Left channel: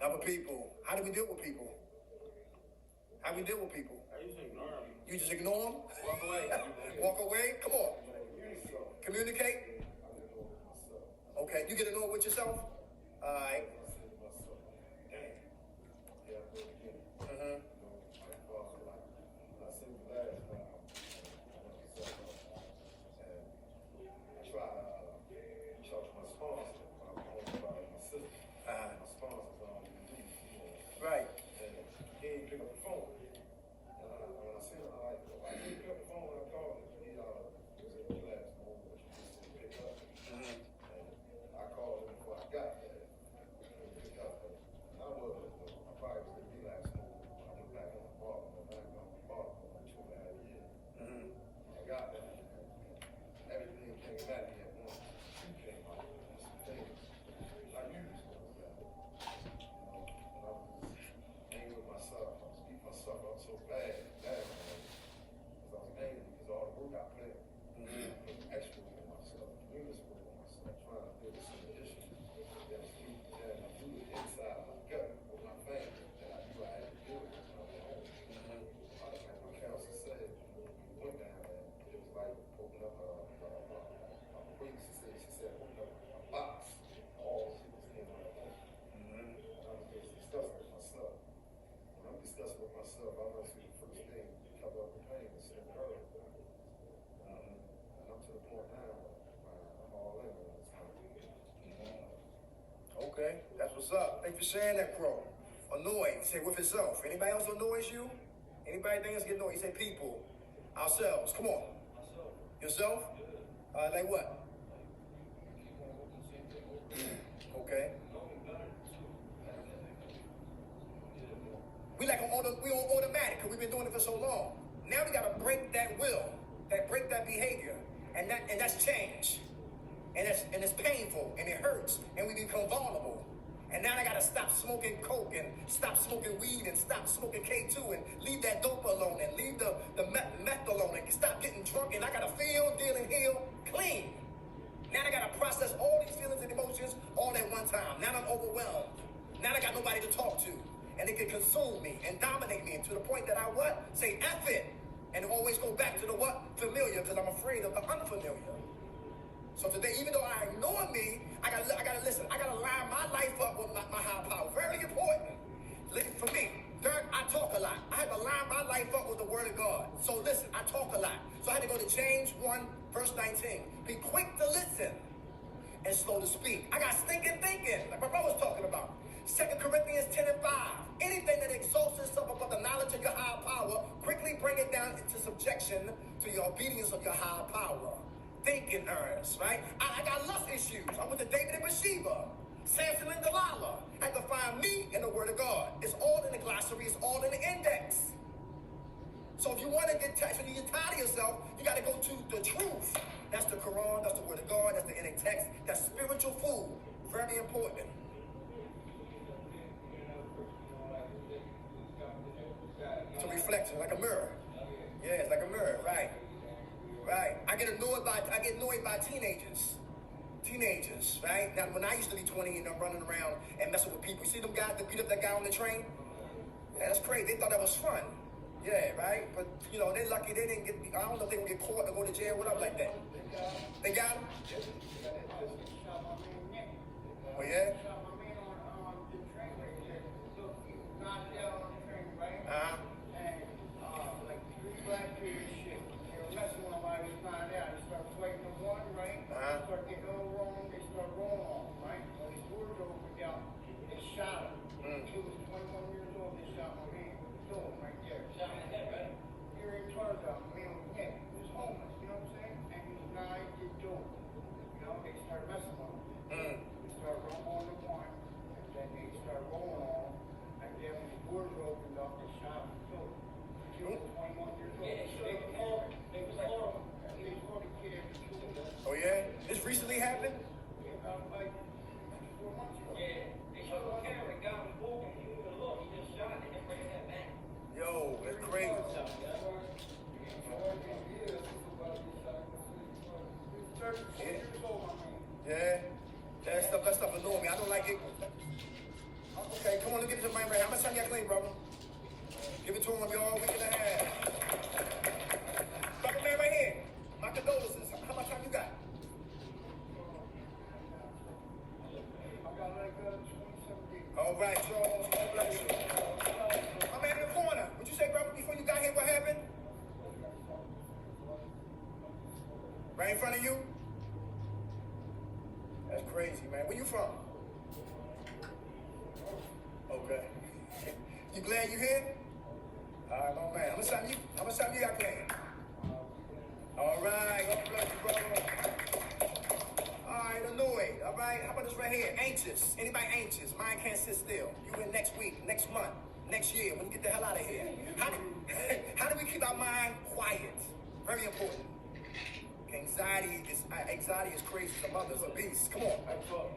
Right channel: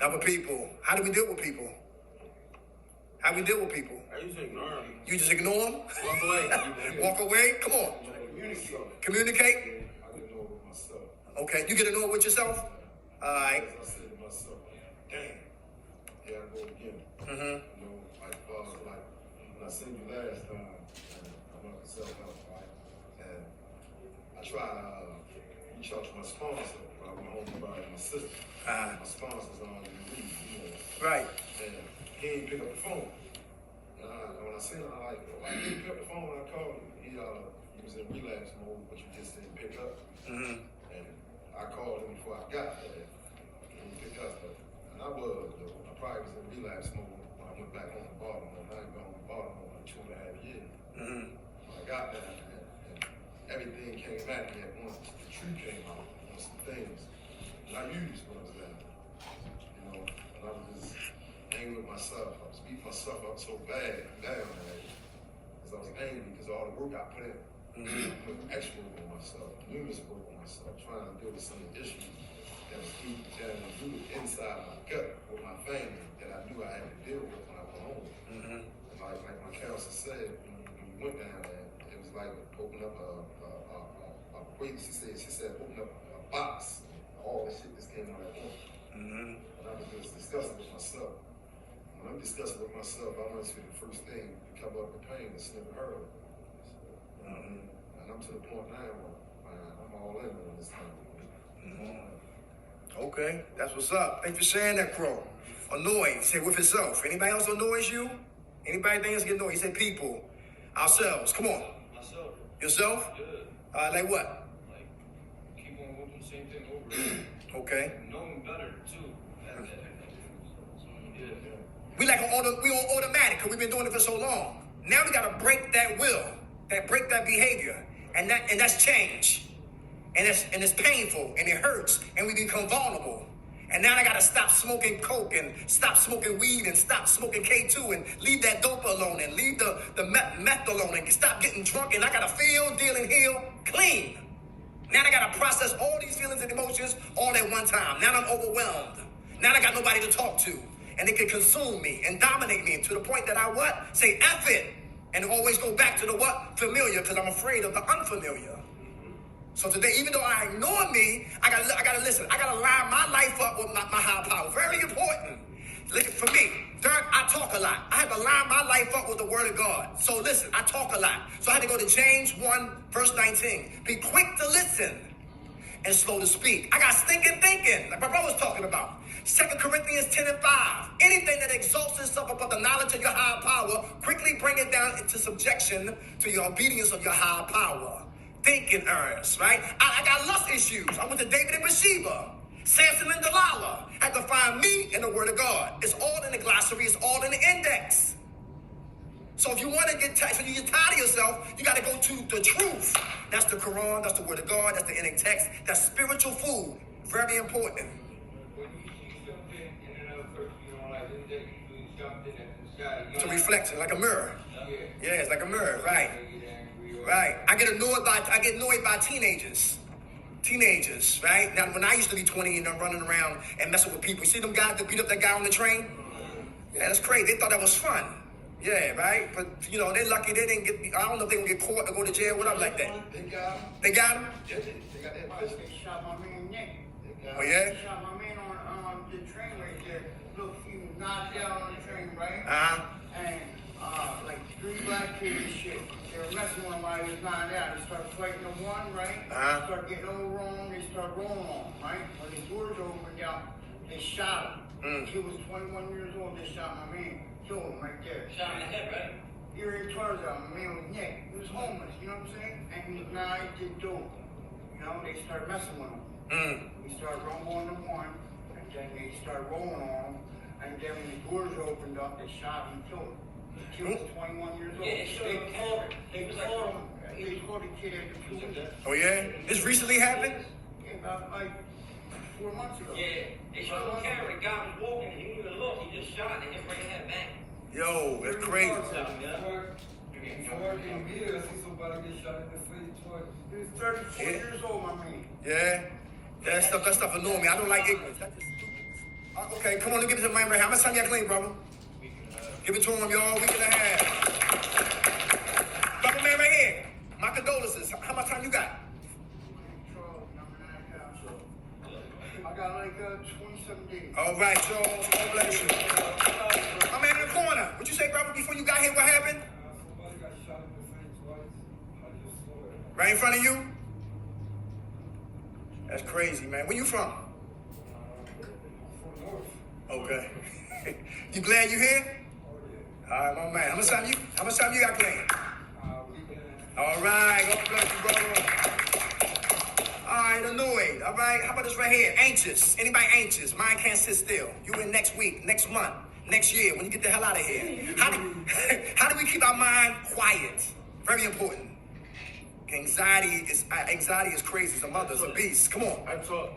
Now with people, how do we deal with people? How do we deal with people? I usually ignore them. You just ignore them? Walk away. Walk away? Come on. Communicate? I get annoyed with myself. Okay, you get annoyed with yourself? All right. I said to myself, damn, here I go again. Mm-hmm. You know, like when I seen you last time, I went myself out, right? And I tried to reach out to my sponsor when I went home to buy my sister. My sponsor's on the lead, you know. Right. And he ain't pick up the phone. And when I seen him, I'm like, why you didn't pick up the phone when I called him? He was in relapse mode, but you just didn't pick up. Mm-hmm. And I called him before I got there. And he picked up. And I was, though. I probably was in relapse mode when I went back home to Baltimore. I ain't been home to Baltimore in 2.5 years. Mm-hmm. I got there, and everything came back at me at once. The truth came out on some things. And I used what I was there. You know, and I was just angry with myself. I was beating myself up so bad, down, man. Because I was angry because all the work I put in. Mm-hmm. I put extra work on myself, numerous work on myself, trying to deal with some of the issues that was deep down and rooted inside my gut with my family that I knew I had to deal with when I went home. Mm-hmm. Like my counselor said, when you went down there, it was like open up she said open up a box. All the shit just came out at once. Mm-hmm. And I was just discussing with myself. When I'm discussing with myself, I must be the first thing to cover up the pain and sniff her. Mm-hmm. And I'm to the point now where I'm all in on this time. Mm-hmm. Okay, that's what's up. Thanks for sharing that, Crow. Annoyed, say with himself. Anybody else annoys you? Anybody think else get annoyed? He said people. Ourselves. Come on. Myself. Yourself? Good. Like what? Like, keep on whooping the same thing over again. Okay. Knowing better, too. Yeah. We on automatic because we've been doing it for so long. Now we gotta break that will, break that behavior, and that's change, and it's painful and it hurts, and we become vulnerable. And now I gotta stop smoking coke and stop smoking weed and stop smoking K2 and leave that dope alone and leave the meth alone and stop getting drunk. And I gotta feel, deal, and heal clean. Now I gotta process all these feelings and emotions all at one time. Now I'm overwhelmed. Now I got nobody to talk to. And it can consume me and dominate me to the point that I what? Say F it. And always go back to the what? Familiar, because I'm afraid of the unfamiliar. So today, even though I ignore me, I gotta listen. I gotta line my life up with my higher power. Very important. Listen, for me, third, I talk a lot. I have to line my life up with the word of God. So listen, I talk a lot. So I had to go to James 1, verse 19. Be quick to listen and slow to speak. I got stinking thinking, like my brother was talking about. 2 Corinthians 10 and 5. Anything that exalts itself above the knowledge of your higher power, quickly bring it down into subjection to your obedience of your higher power. Thinking errors, right? I got lust issues. I went to David and Bathsheba, Samson and Delilah. Had to find me in the Word of God. It's all in the glossary. It's all in the index. So if you want to get tired, so you get tired of yourself, you got to go to the truth. That's the Quran. That's the Word of God. That's the index text. That's spiritual food. Very important. It's a reflection, like a mirror. Yeah, it's like a mirror, right? Right. I get annoyed by teenagers. Teenagers, right? Now, when I used to be 20 and I'm running around and messing with people, you see them guys that beat up that guy on the train? Yeah, that's crazy. They thought that was fun. Yeah, right? But, you know, they're lucky they didn't get, I don't know if they can get caught or go to jail, whatever like that. They got him. They got him? They got that pussy. They shot my man Nick. Oh, yeah? They shot my man on the train right there. Look, he was knocked down on the train, right? Uh-huh. And like 3 black kids and shit. They were messing with him while he was knocked out. They started fighting the one, right? Uh-huh. They started getting all wrong. They started rolling on him, right? When the doors opened up, they shot him. He was 21 years old. They shot my man. Killed him right there. Shot in the head, right? Here in Tarzan, my man was Nick. He was homeless, you know what I'm saying? And he was nigh to dope. You know, they started messing with him. He started going to one, and then they started rolling on him. And then when the doors opened up, they shot him and killed him. He was 21 years old. Yeah, they showed him before. He was like, he called the kid at the police. Oh, yeah? This recently happened? Yeah, about like 4 months ago. Yeah, they showed him camera. The guy was walking. He didn't even look. He just shot. They just bring his head back. Yo, that's crazy. He was 34 years old, my man. Yeah? That stuff annoys me. I don't like ignorance. Okay, come on, let's give it to the man right here. How much time y'all clean, brother? Give it to him, y'all. Week and a half. Brother man right here. My condolences. How much time you got? I got like 27 days. All right, Joe. God bless you. My man in the corner. What you say, brother, before you got here? What happened? Right in front of you? That's crazy, man. Where you from? Okay. You glad you here? All right, my man. How much time you got playing? All right. God bless you, brother. All right, annoyed. All right. How about this right here? Anxious. Anybody anxious? Mind can't sit still. You in next week, next month, next year when you get the hell out of here. How do we keep our mind quiet? Very important. Anxiety is crazy. It's a mother, it's a beast. Come on. I talk.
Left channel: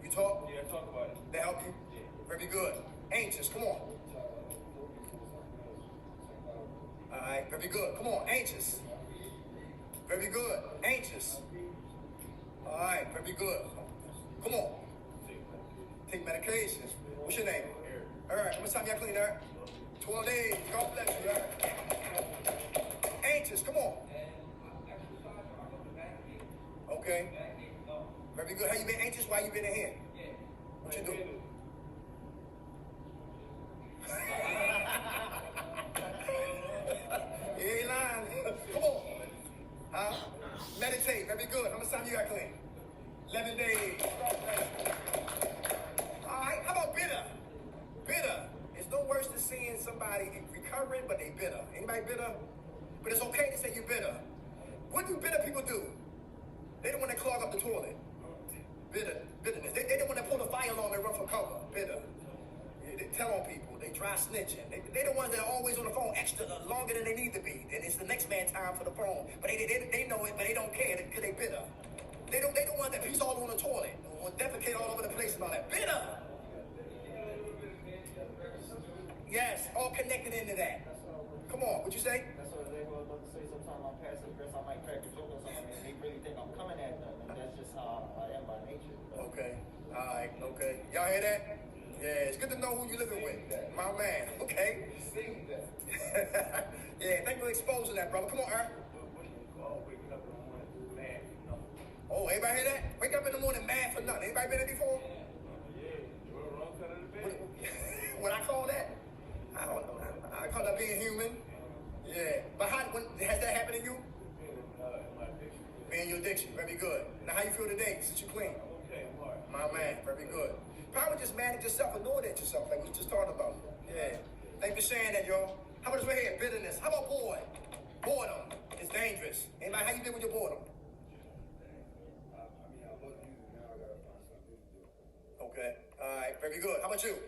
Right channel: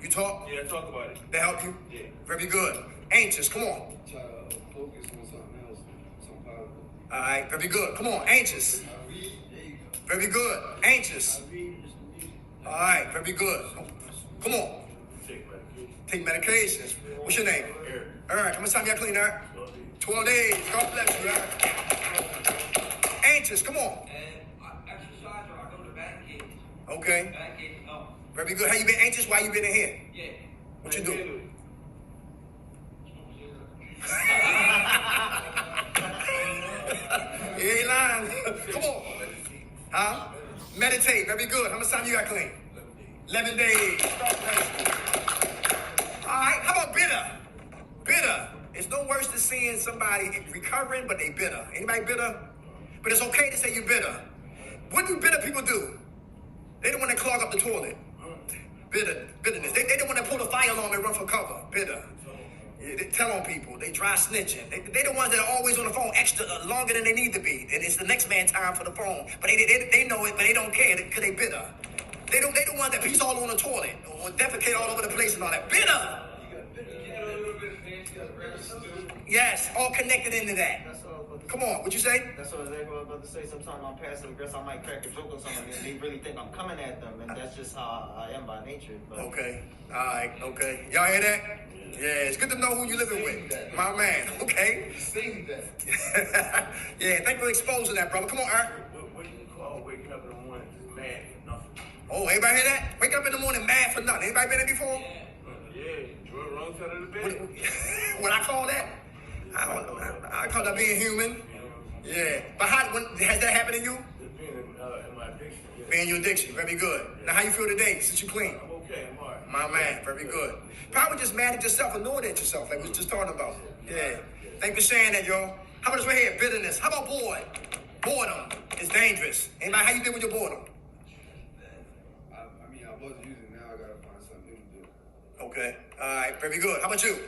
You talk? Yeah, I talk about it. They help you? Yeah. Very good. Anxious, come on. Try to focus on something else, something positive. All right, very good. Come on, anxious. Very good. Anxious. All right, very good. Come on. Take medications. What's your name? Eric. Eric, how much time y'all clean, Eric? 12 days. God bless you, Eric. Anxious, come on. And I exercise or I go to banking. Okay. Banking, Very good. How you been anxious? Why you been in here? yeah. What you do? You ain't lying. Come on. Huh? Meditate. Very good. How much time you got clean? 11 days. All right. How about bitter? Bitter. It's no worse than seeing somebody recovering, but they bitter. Anybody bitter? But it's okay to say you're bitter. What do bitter people do? They don't want to clog up the toilet. Bitterness. They don't want to pull the fire alarm and run for cover. Bitter. Yeah, they tell on people. They try snitching. They the ones that are always on the phone extra longer than they need to be. And it's the next man time for the phone. But they know it, but they don't care because they bitter. They the ones that piece all on the toilet or defecate all over the place and all that. Bitter. Yes, all connected into that. Come on, what you say? That's what I was about to say. Sometimes I'm passive aggressive. I might crack a joke or something, and they really think I'm coming at them, and that's just how I am by nature. But Okay. All right. Okay. Y'all hear that? Yeah, it's good to know who you living with. My man. Okay. Sing that. Yeah, thank you for exposing that, brother. Come on, Eric. What do you call waking up in the morning just mad for nothing? Oh, everybody hear that? Wake up in the morning mad for nothing. Anybody been there before? Yeah, you're on the wrong side of the What, bed. what I call that? I call that being human. Yeah. But has that happened to you? Just being in my addiction. Yeah. Being your addiction. Very good. Now, how you feel today since you clean? I'm okay, I'm alright. My man. Very good. Probably just mad at yourself, annoyed at yourself, like we was just talking about. Yeah. Thank you for sharing that, y'all. How about this right here? Bitterness. How about bored? Boredom is dangerous. Anybody, how you deal with your boredom? I mean, I was using, now I gotta find something new to do. Okay. All right. Very good. How about you?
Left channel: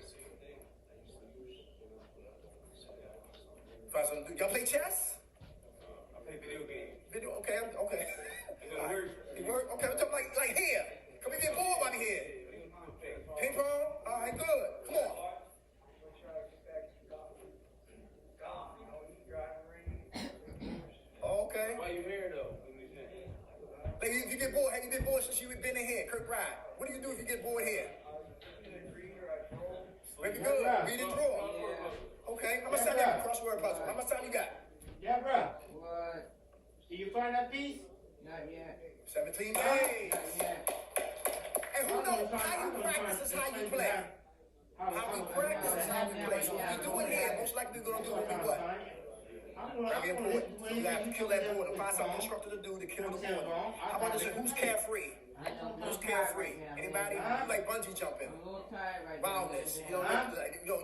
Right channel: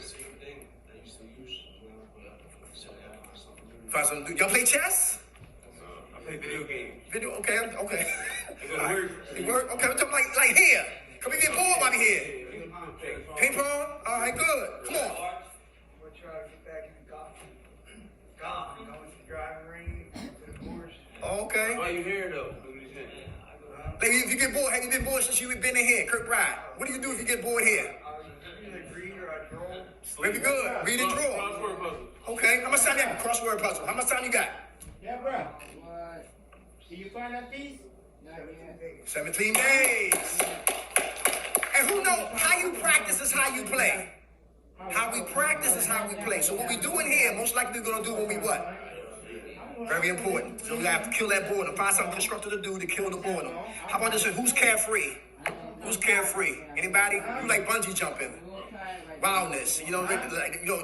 Find something to do. Y'all play chess? I play video games. Video? Okay. Okay. It gotta work. It work? Okay. I'm talking like here. Come we get bored while we here. Ping pong? All right. Good. Come on. We're trying to get back into golf. Golf, you know, it's driving range, the course. Okay. Why you here though? What you saying? Like if you get bored, have you been bored since you've been in here? Kirk Bride. What do you do if you get bored here? I either read or I draw. Very good. Read and draw. Crossword puzzle. Okay. How much time you got? Crossword puzzle. How much time you got? Yeah, bro. See you find that piece? Not yet. 17 days. And who knows? How you practice is how you play. How we practice is how we play. So what we do in here, most likely we're gonna do what we what? Very important. So we have to kill that boredom. Find something constructive to do to kill the boredom. How about this one? Who's carefree? Who's carefree? Anybody? You like bungee jumping? Wildness.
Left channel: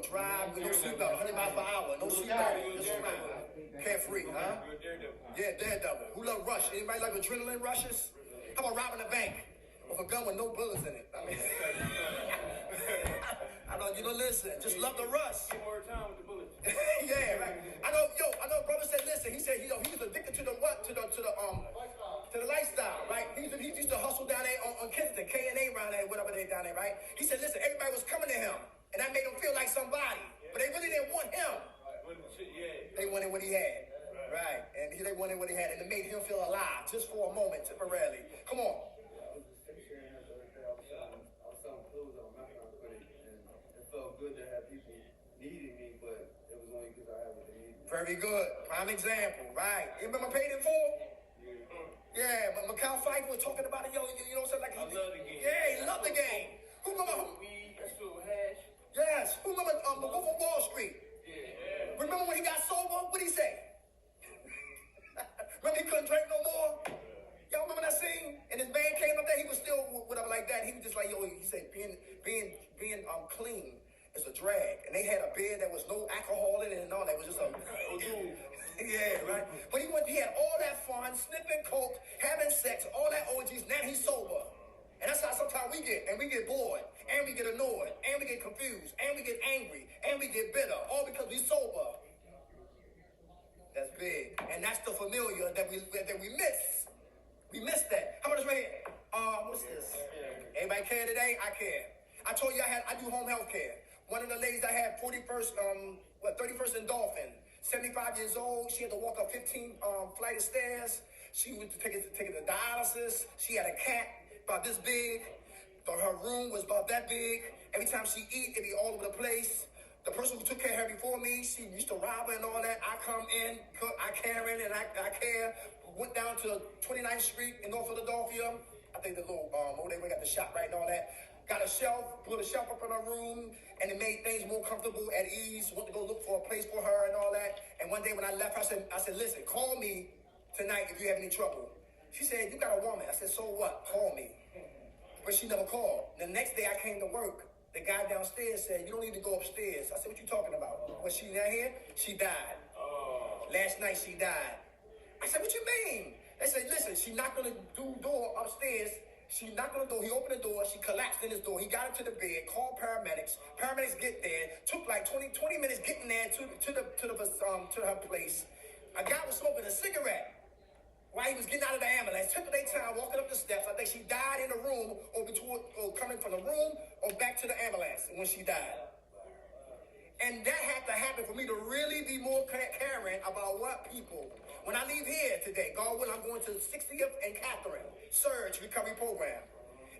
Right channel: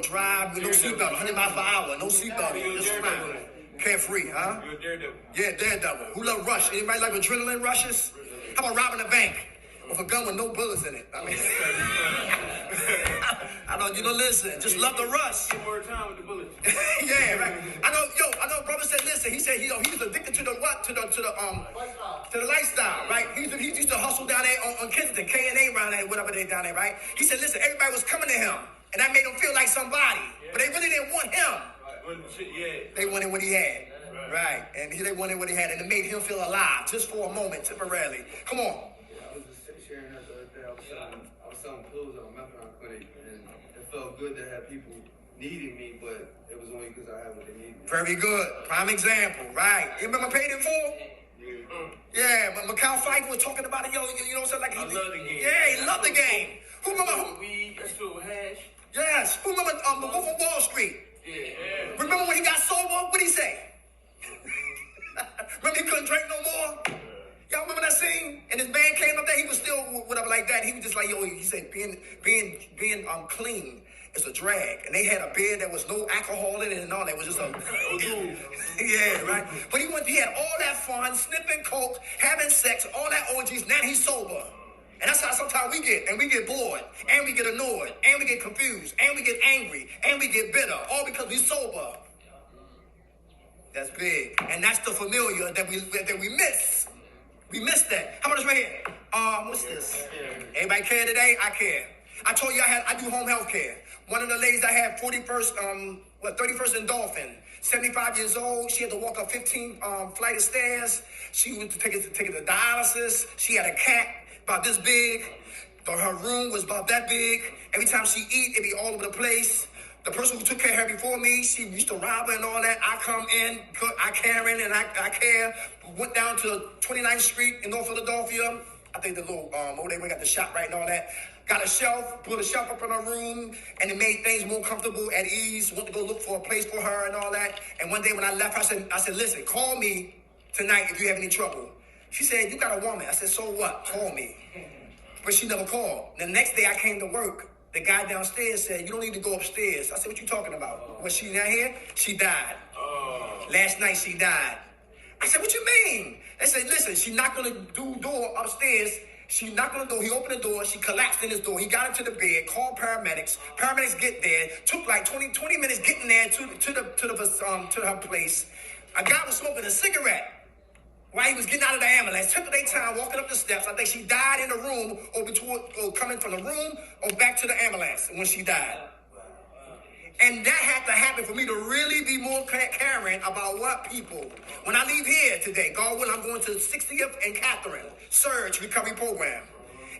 Drive with no seatbelt, 100 miles per hour, no seatbelt. Just fine. Carefree, huh? You're a daredevil. Yeah, daredevil. Who love rush? Anybody like adrenaline rushes? How about robbing a bank with a gun with no bullets in it? I mean, I know you don't listen. Just love the rush. Get more time with the bullets. Yeah, right. I know. Brother said, listen. He said, he was addicted to the what? To the lifestyle, right? He used to hustle down there on Kensington, K&A around there, whatever they down there, right? He said, listen, everybody was coming to him, and that made him feel like somebody, but they really didn't want him. Yeah. They wanted what he had, right? And they wanted what he had, and it made him feel alive just for a moment, temporarily. Come on. I was just sharing that the other day. I was selling clothes at a methadone clinic, and it felt good to have people needing me, but it was only because I had what they needed. Very good. Prime example, right? You remember Paid in Full? Yeah, but Macau Pfeiffer was talking about it, yo, you know what I'm saying? Like, I love the game. Yeah, he loved the game. Who remember? Weed, that's filled with hash. Yes. Who remember the Wolf of Wall Street? Yeah. Remember when he got sober? What'd he say? Remember he couldn't drink no more? Y'all remember that scene? And his man came up there, he was still whatever like that. He was just like, yo, he said being clean is a drag. And they had a beer that was no alcohol in it and all that. It was just a yeah, right? But he had all that fun, sniffing coke, having sex, all that orgies. Now he's sober. And that's how sometimes we get. And we get bored, and we get annoyed, and we get confused, and we get angry, and we get bitter, all because we're sober. That's big. And that's the familiar that we miss. We miss that. How about this right here? What's this? Everybody care today? I care. I told you I do home health care. One of the ladies I had 31st and Dolphin, 75 years old. She had to walk up 15 flight of stairs. She went to take it to dialysis. She had a cat about this big. Her room was about that big. Every time she eat, it be all over the place. The person who took care of her before me, she used to rob her and all that. I come in, I care in, and I care. Went down to 29th Street in North Philadelphia. I think the little, over there, we got the shop right and all that. Got a shelf, put a shelf up in her room, and it made things more comfortable, at ease. Went to go look for a place for her and all that. And one day when I left, I said, listen, call me tonight if you have any trouble. She said, you got a woman. I said, so what? Call me. But she never called. The next day I came to work. The guy downstairs said, you don't need to go upstairs. I said, what you talking about? Was she not here? She died. Last night she died. I said, what you mean? They said, listen, she knocked on the door upstairs. She knocked on the door. He opened the door. She collapsed in his door. He got into the bed, called paramedics. Paramedics get there. Took like 20 minutes getting there to her place. A guy was smoking a cigarette while he was getting out of the ambulance. Took their time walking up the steps. I think she died in the room or coming from the room or back to the ambulance when she died. And that had to happen for me to really be more caring about what people. When I leave here today, God willing, I'm going to the 60th and Catherine Surge Recovery Program.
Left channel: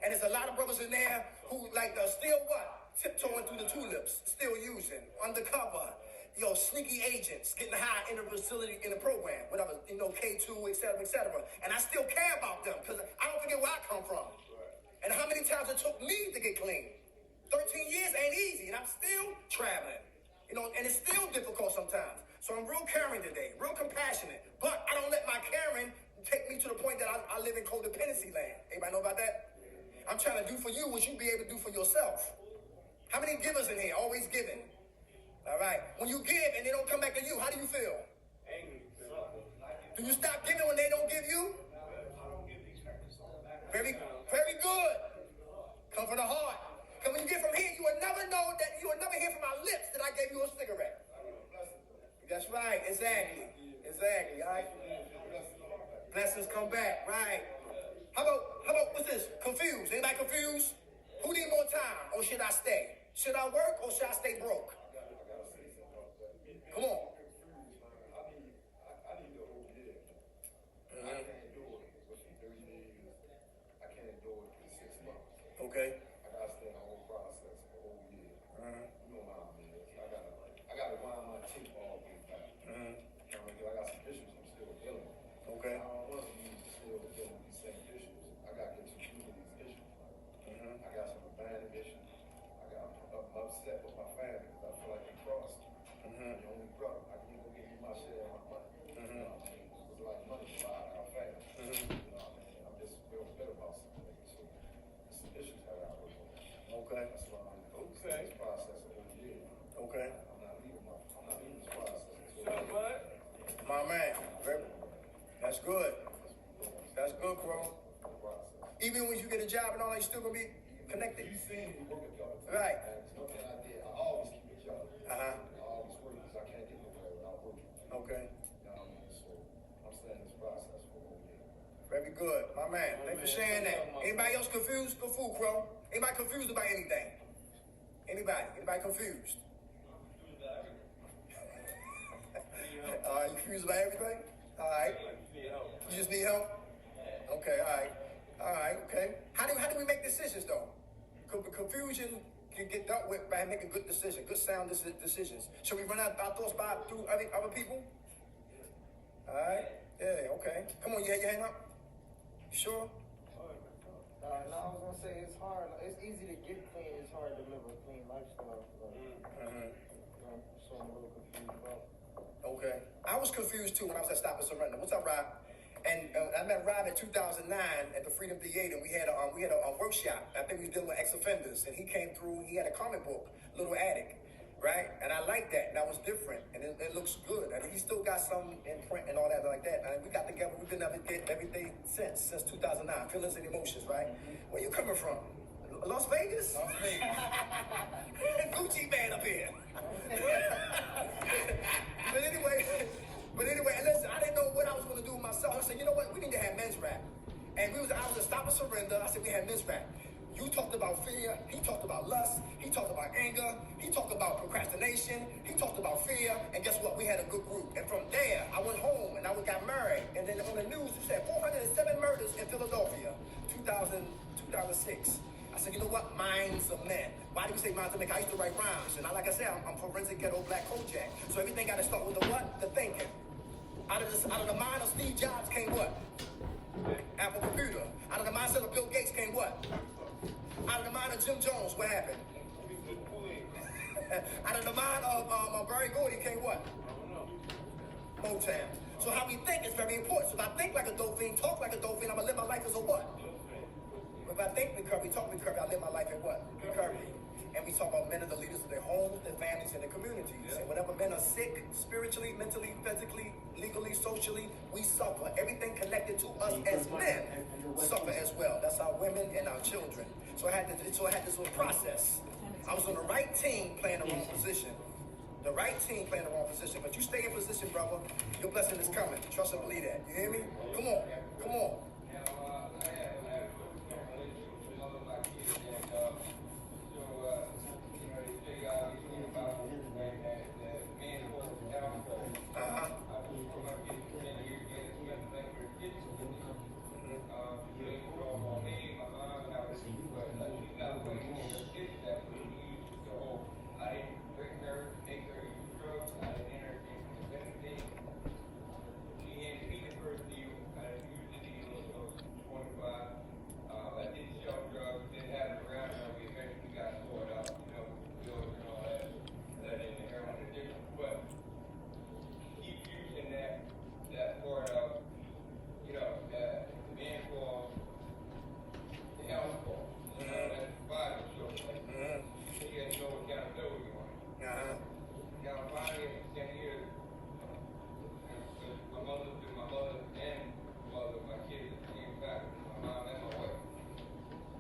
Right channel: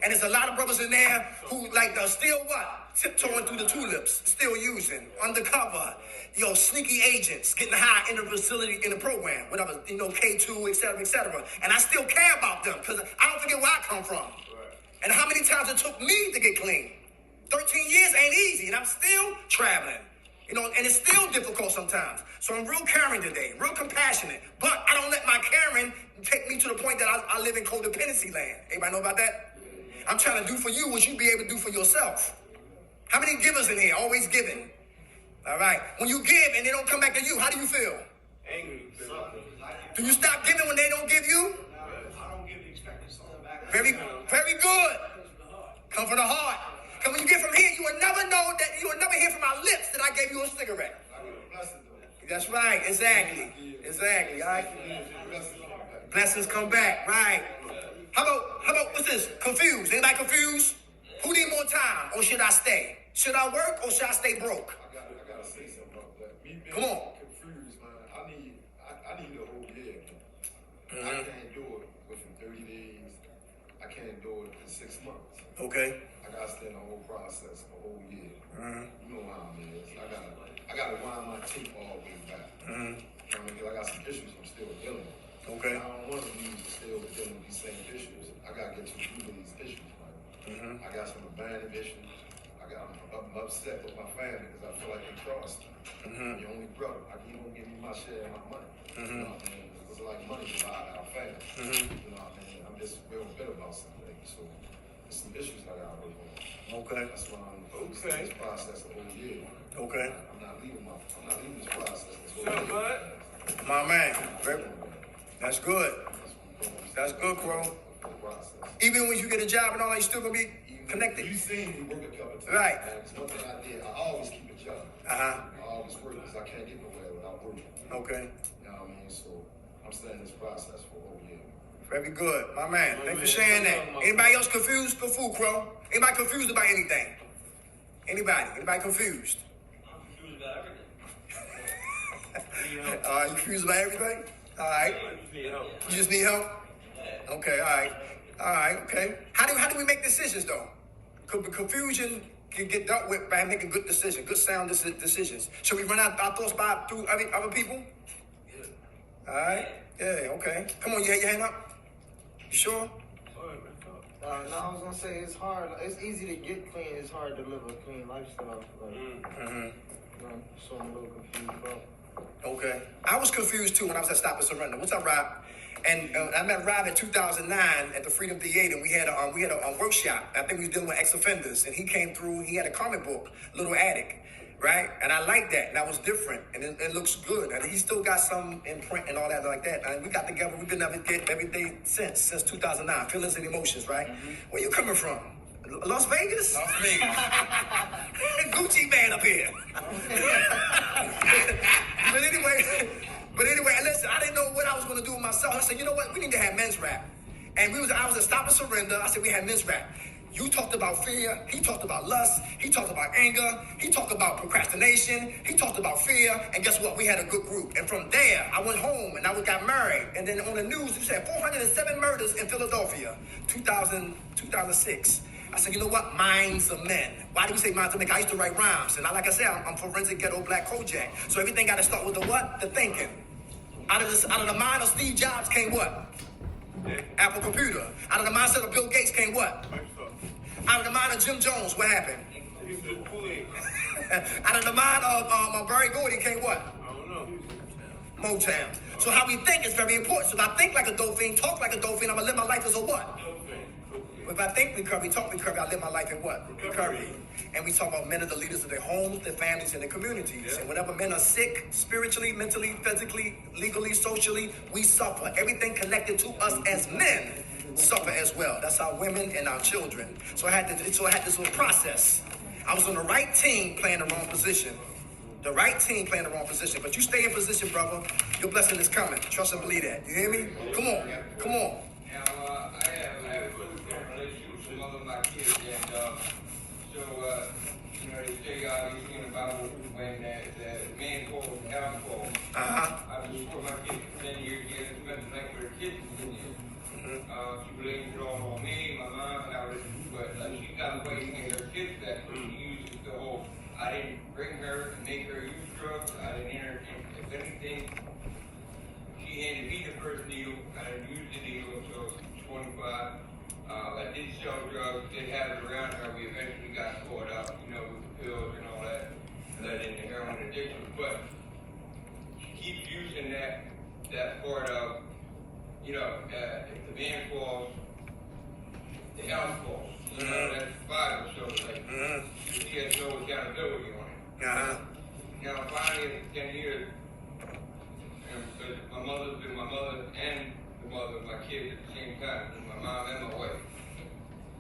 And there's a lot of brothers in there who like are still what? Tiptoeing through the tulips, still using, undercover, sneaky agents, getting high in the facility, in the program, whatever, K2, et cetera, et cetera. And I still care about them because I don't forget where I come from. And how many times it took me to get clean. 13 years ain't easy, and I'm still traveling. And it's still difficult sometimes. So I'm real caring today, real compassionate. But I don't let my caring take me to the point that I live in codependency land. Anybody know about that? I'm trying to do for you what you be able to do for yourself. How many givers in here? Always giving. All right. When you give and they don't come back to you, how do you feel? Angry. Do you stop giving when they don't give you? Very, very good. Come from the heart. Because when you get from here, you will never know that, you will never hear from my lips that I gave you a cigarette. That's right. Exactly. All right. Blessings come back. Right. How about, what's this? Confused. Anybody confused? Who need more time or should I stay? Should I work or should I stay broke? I gotta say something about that. Me being Come on. confused, man. I need a whole year. Mm-hmm. I can't do it within 30 days. I can't do it in 6 months. Okay. I gotta stay in the whole process, a whole year. Mm-hmm. You know how it is. I gotta wind my tape all the way back. Mm-hmm. You know what I mean? 'Cause I got some issues I'm still dealing with. Okay. I don't want to be still dealing with these same issues. I gotta get to the root of these issues, man. Mm-hmm. I got some abandoned issues. I'm upset with my family because I feel like they crossed me. Mm-hmm. I'm your only brother. You gonna give me my share of my money. Mm-hmm. You know what I mean? It's like money divided our family. Mm-hmm. You know what I mean? I'm just real bitter about some things. So there's some issues I gotta work on. Okay. That's why I'm Okay. this process the whole year. Okay. I'm not leaving this process this whole Sure, year. bud. My man. That's good. That's good, Crow. The process. Even when you get a job and all that, you still gonna be connected. You seen me work a couple times. Right. And it's one thing I did. I always keep a job. Uh-huh. I always work because I can't get nowhere without working. Okay. You know what I mean? So I'm staying in this process for a whole year. Very good. My man. Thanks for sharing that. Anybody else confused? Go fool, Crow. Anybody confused about anything? Anybody? Anybody confused? I'm confused about everything. You confused about everything? All right. You just need help? Okay, all right. All right, okay. How do we make decisions though? Confusion can get dealt with by making good decisions, good sound decisions. Should we run our thoughts by through other people? All right. Yeah. Okay. Come on, you had your hand up. You sure? No, I was gonna say it's hard. It's easy to get clean. It's hard to live a clean lifestyle. Like, so I'm a little confused about. Okay. I was confused too when I was at Stop and Surrender. What's up, Rob? And I met Rob in 2009 at the Freedom Theater, and we had a workshop. I think we was dealing with ex-offenders, and he came through. He had a comic book, Little Attic, right? And I liked that, and that was different, and it looks good. And he still got some in print and all that like that. And we got together. We've been together every day since 2009. Feelings and emotions, right? Where you coming from? Las Vegas? Las Vegas. Gucci man up here. But anyway, and listen, I didn't know what I was going to do with myself. I said, you know what? We need to have men's rap. And I was at Stop and Surrender. I said, we had men's rap. You talked about fear. He talked about lust. He talked about anger. He talked about procrastination. He talked about fear. And guess what? We had a good group. And from there, I went home and I got married. And then on the news, you said 407 murders in Philadelphia, 2006. I said, you know what? Minds of men. Why do we say minds of men? I used to write rhymes. And like I said, I'm forensic ghetto black Kojak. So everything got to start with the what? The thinking. Out of the mind of Steve Jobs came what? Apple computer. Out of the mindset of Bill Gates came what? Out of the mind of Jim Jones, what happened? Out of the mind of Barry Gordy came what? Motown. So how we think is very important. So if I think like a dolphin, talk like a dolphin, I'm going to live my life as a what? If I think recovery, talk recovery, I live my life in what? Recovery. And we talk about men are the leaders of their homes, their families, and their communities. Yeah. And whenever men are sick, spiritually, mentally, physically, legally, socially, we suffer. Everything connected to us as men suffer as well. That's our women and our children. So I had this little process. I was on the right team playing the wrong position. The right team playing the wrong position. But you stay in position, brother. Your blessing is coming. Trust and believe that. You hear me? Come on. Come on. I have a good relationship with the mother of my kids, and they say these things about when that man called alcohol. I've been for my kids for 10 years. He hasn't spent the night with her kids in 10 years. She blames it all on me, my mom, and but she's not blaming her kids that she uses the whole. I didn't bring her and make her use drugs. I didn't entertain. If anything, she handed me the first needle. I didn't use the needle until 25. I did sell drugs, did have it around her. We eventually got caught up, with pills and all that, led into heroin addiction. But she keeps using that part of, if the man falls, the house falls. That's the Bible, so she has no accountability on it. Now, finally, after 10 years, but my mother's been my mother and the mother of my kids at the same time, my mom and my wife.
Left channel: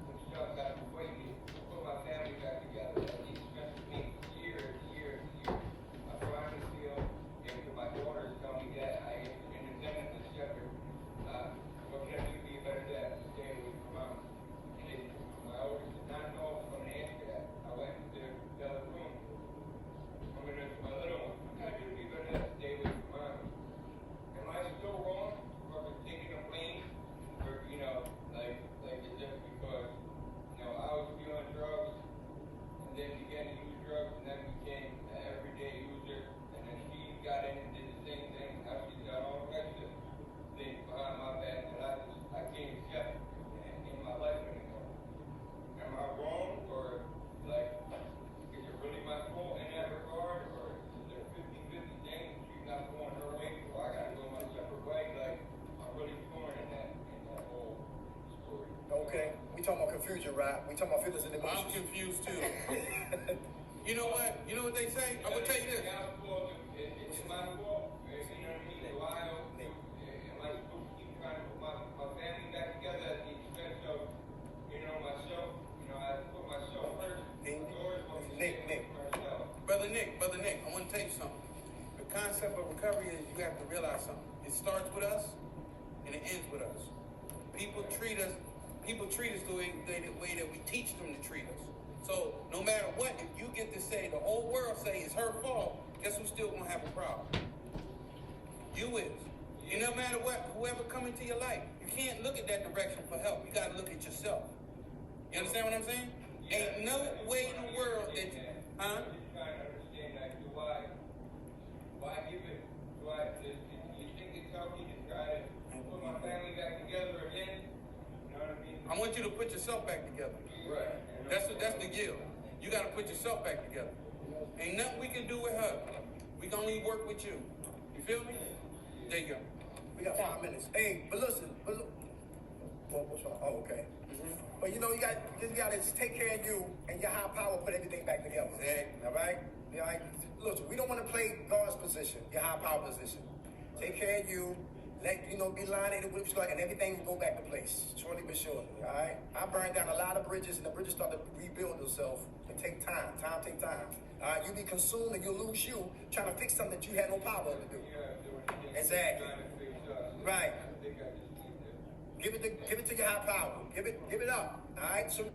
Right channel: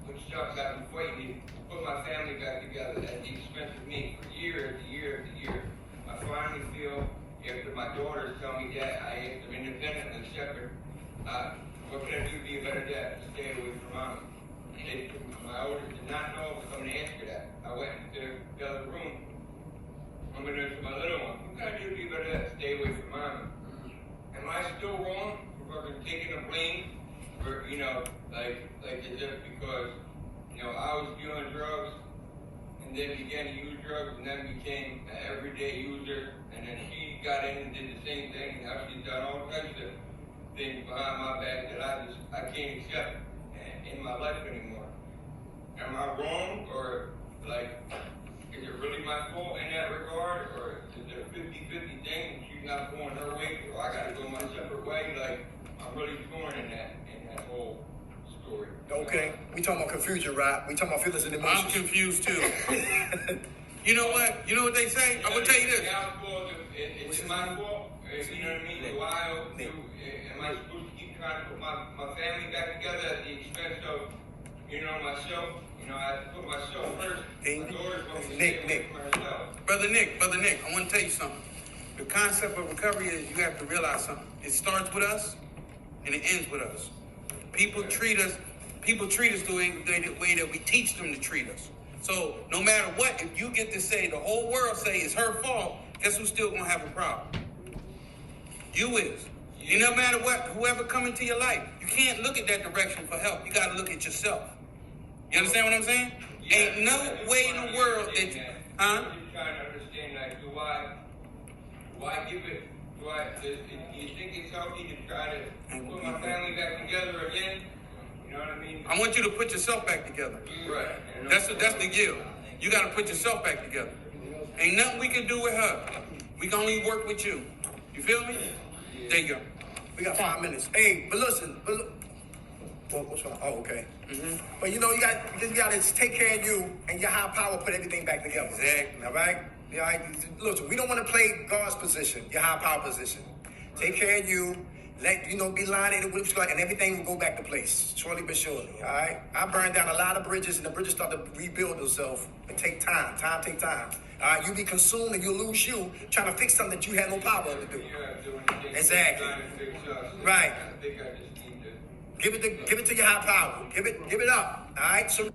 When she starts having fighting, put my family back together at the expense of me, year after year after year. I finally feel, after my daughters tell me that I am independent and separate, what can I do to be a better dad? Stay away from mom. My oldest did not know I was going to answer that. I went into the other room. I'm going to ask my little one, what can I do to be a better dad? Stay away from mom. Am I still wrong for taking the blame for, it's just because, I was doing drugs and then began to use drugs and then became an everyday user, and then she got in and did the same thing, and now she's done all kinds of things behind my back that I can't accept in my life anymore. Am I wrong, or is it really my fault in that regard, or is it a 50-50 thing and she's not going her way, or I gotta go my separate way? I'm really torn in that whole story. Okay, we talking about confusion, right? We talking about feelings and I'm emotions. confused too. You know what? You know what they say? I'm gonna tell you this. It's my fault. You know what I mean? Am I supposed to keep trying to put my family back together at the expense of, myself? I have to put myself first. My daughter's going to stay away from herself. Brother Nick, I want to tell you something. The concept of recovery is you have to realize something. It starts with us and it ends with us. People treat us the way that we teach them to treat us. So no matter what, if you get to say the whole world say it's her fault, guess who's still gonna have a problem? You is. And no matter what, whoever come into your life, you can't look at that direction for help. You gotta look at yourself. You understand what I'm saying? Ain't no way in the world that, huh? I'm just trying to understand, like, do why give it, do you think it's healthy to try to put my family back together again? You know what I mean? I want you to put yourself back together. Right. That's the deal. You got to put yourself back together. Ain't nothing we can do with her. We can only work with you. You feel me? There you go. We got 5 minutes. Hey, but listen, what's wrong? Oh, okay. But you know, you got to take care of you, and your high power put everything back together. Exactly. All right? Yeah, all right? Listen, we don't want to play God's position, your high power position. Take care of you. Let be lined in with and everything will go back to place, surely but surely. All right. I burned down a lot of bridges, and the bridges start to rebuild themselves. It take time. Time take time. All right. You be consumed, and you lose you trying to fix something that you had no power to do. Exactly. Right. I think I just need to. Give it to your high power. Give it up. All right. So.